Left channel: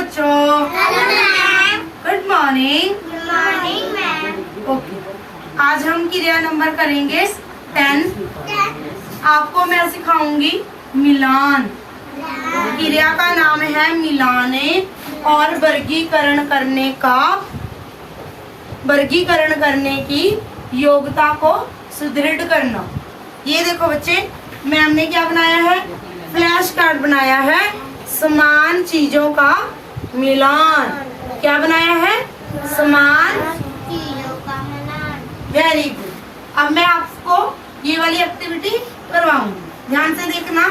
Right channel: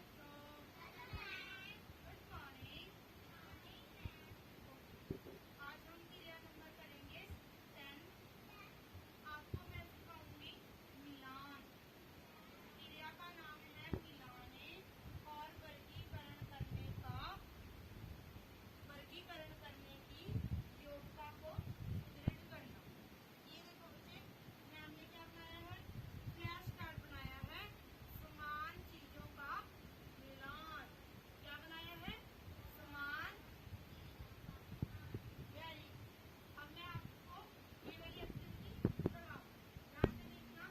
बच्चों। Good morning. Okay, आज हम क्रिया नंबर करेंगे 10। आपको मैं सिखाऊंगी मिलान। क्रिया का नाम है मिलाने और वर्गीकरण करने की योग्यता को सुदृढ़ करना। ये देखो बच्चे, मैम ने क्या बनाया है? फ्लैश कार्ड बनाया है, समान चीजों का मिलान। क्या बनाया है? समान चीजों का मिलान। Very good. अब मैं आपको ये वाली एक्टिविटी करवाऊंगी, ध्यान से देखना।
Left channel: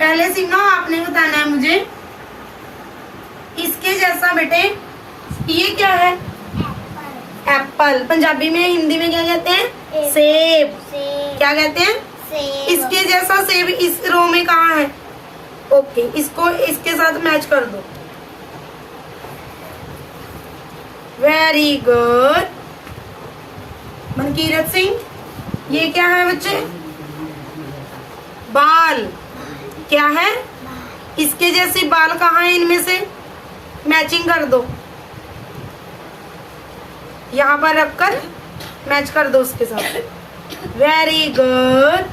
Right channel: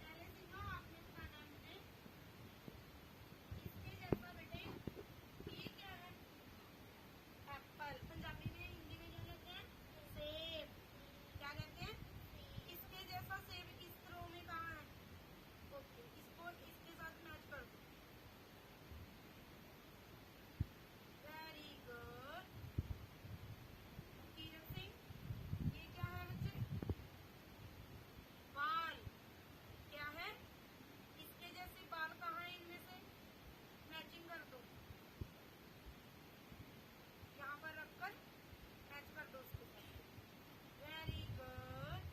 पहले से ना आपने बताना है मुझे इसके जैसा। बेटे ये क्या है? एप्पल। पंजाबी में, हिंदी में क्या कहते हैं? सेब। क्या कहते हैं? इसके जैसा सेब इस रो में कहाँ है? ओके, इसको इसके साथ मैच कर दो। Very good. मनकीरत सिंह, ये क्या है बच्चे? बाल। क्या है? इसके जैसे बाल कहाँ है? इनमें से मैचिंग कर दो, यहाँ पर रखकर मैच कर दो उसके साथ। Very good.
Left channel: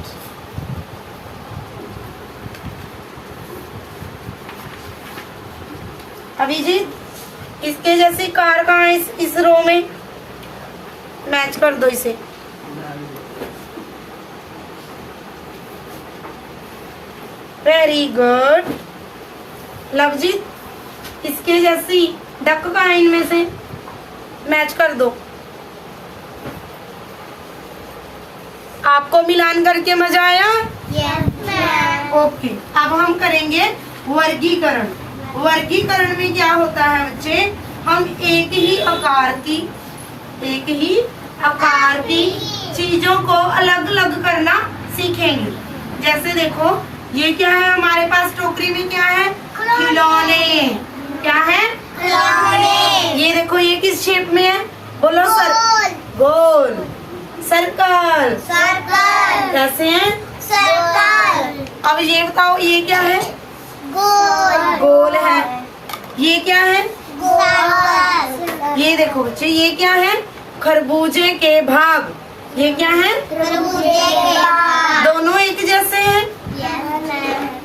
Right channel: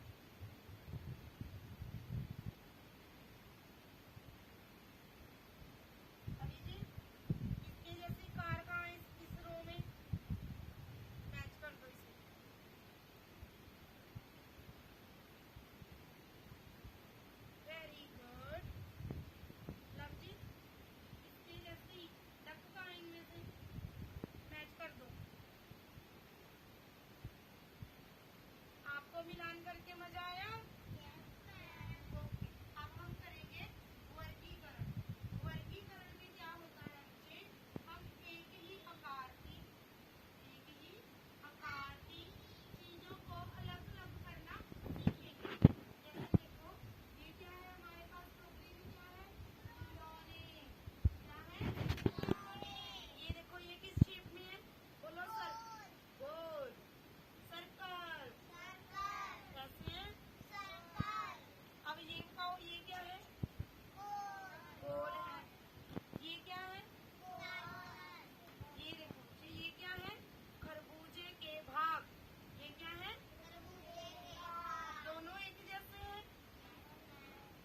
अभिजीत, इसके जैसी कार कहाँ है? इस रो में मैच कर दो इसे। Very good. लवजीत, इसके जैसी डक कहाँ है? इनमें से मैच कर दो। आपको मिलान करके मजा आया? ओके, अब हम करेंगे वर्गीकरण। वर्गीकरण में क्या होता है बच्चे? हम एक ही आकार की चीजों को अलग अलग करना सीखेंगे। जैसे देखो, ये क्या है हमारे पास? टोकरी में क्या है? खिलौने। क्या है? खिलौने। ये देखो, ये किस शेप में है? बोलो। गोल। सर्कल। कैसे हैं? सर्कल। अब ये बताओ, ये क्या है? गोल है। ये क्या है? ये देखो बच्चे, ये क्या है? खरबूजे के भाग। ये क्या है? दोनों एक जैसे हैं।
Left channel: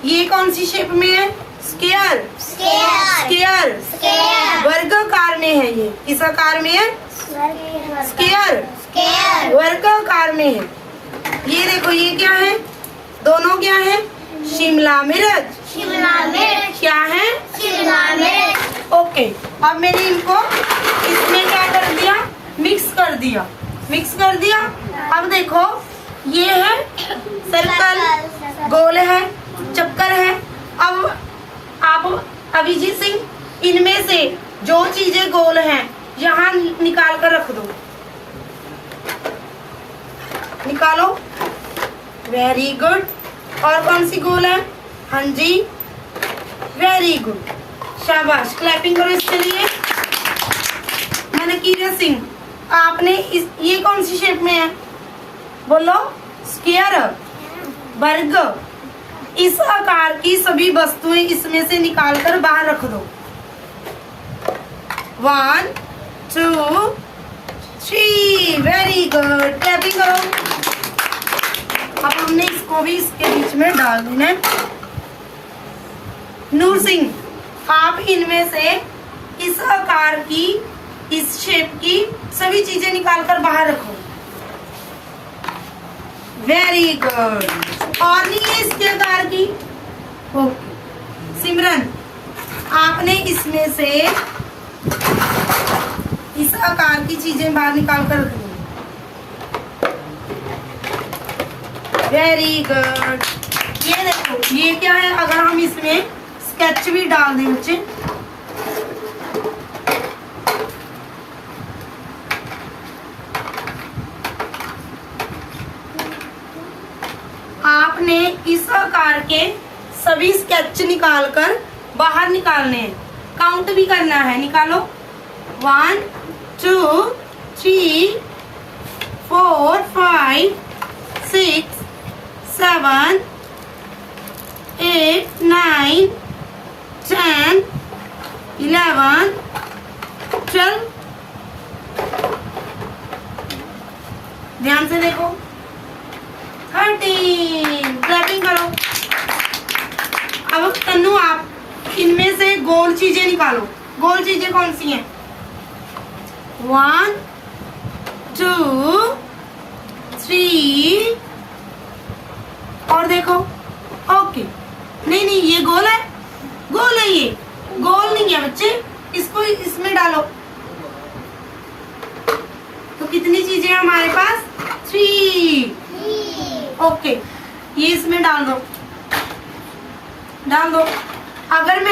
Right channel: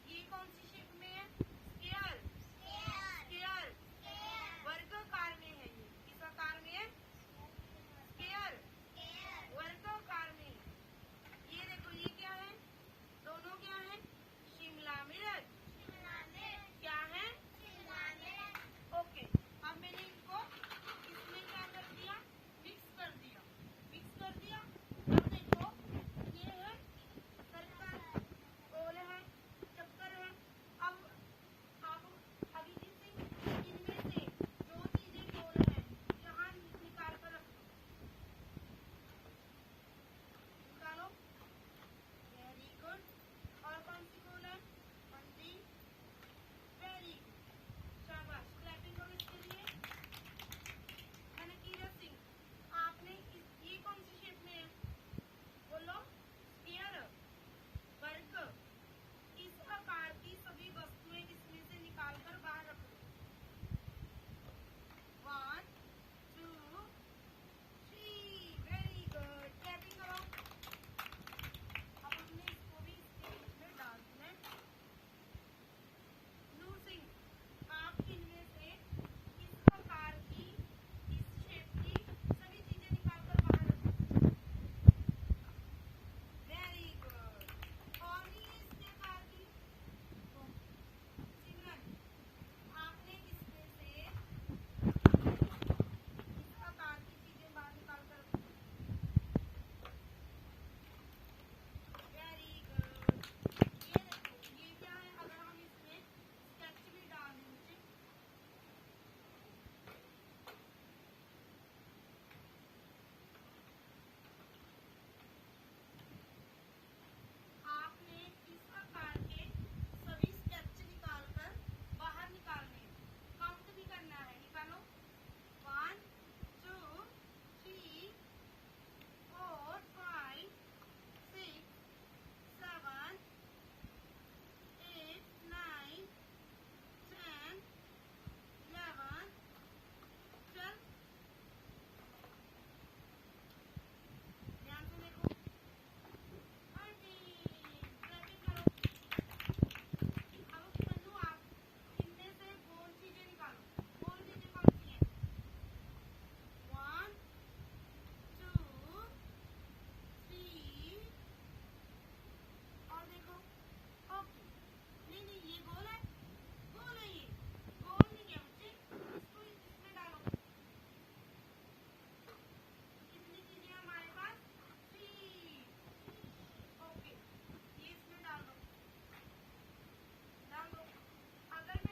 ये कौन सी शेप में है? स्क्वायर। वर्गाकार में है। ये किस आकार में है? स्क्वायर। वर्गाकार में है। ये देखो, ये क्या है? दोनों क्या है? शिमला मिर्च। क्या है? ओके, अब मैंने इनको इसमें क्या कर दिया? मिक्स कर दिया। अब देखो, ये है सर्कल, गोल है, चक्कर है। अब आप अभिजीत सिंह, इनमें से जो चीजें गोल हैं यहाँ निकाल कर रख दो। निकालो। Very good. और कौन सी गोल है? हाँ जी, वेरी गुड, शाबाश। क्लैपिंग करो इसके लिए। मनकीरत सिंह, आपने ये कौन सी शेप में है? बोलो। स्क्वायर। वर्ग। इस आकार की सभी वस्तुएं इसमें से निकालकर बाहर रख दो। 1 2 3। वेरी गुड, क्लैपिंग करो। अब हमने इसको भी इसके बीच में डाल देना है। नूर सिंह, आप इनमें से इस आकार की, इस शेप की सभी चीजें निकालकर बाहर रखो। Very good. और नहीं है इसके आकार की? ओके। सिमरन, आपने इसमें से इस आकार की चीजें बाहर निकाल कर रख दी। Very good. ये देखो, ये क्या है? अगर हम इसमें स्केच भी डाल दें बच्चे, आपने इस आकार के सभी स्केच निकालकर बाहर निकालने हैं। काउंट भी करना है। निकालो। 1 2 3 4 5 6 7 8 9 10 11 12 ध्यान से देखो 13 क्लैपिंग करो। अब तन्नू आप इनमें से गोल चीजें निकालो। गोल चीजें कौन सी हैं? 1 2 3 और देखो ओके। नहीं ये गोल है, गोल है, ये गोल नहीं है बच्चे, इसको इसमें डालो। तो कितनी चीजें हैं हमारे पास? 3। ओके, ये इसमें डाल दो, डाल दो। अगर मैं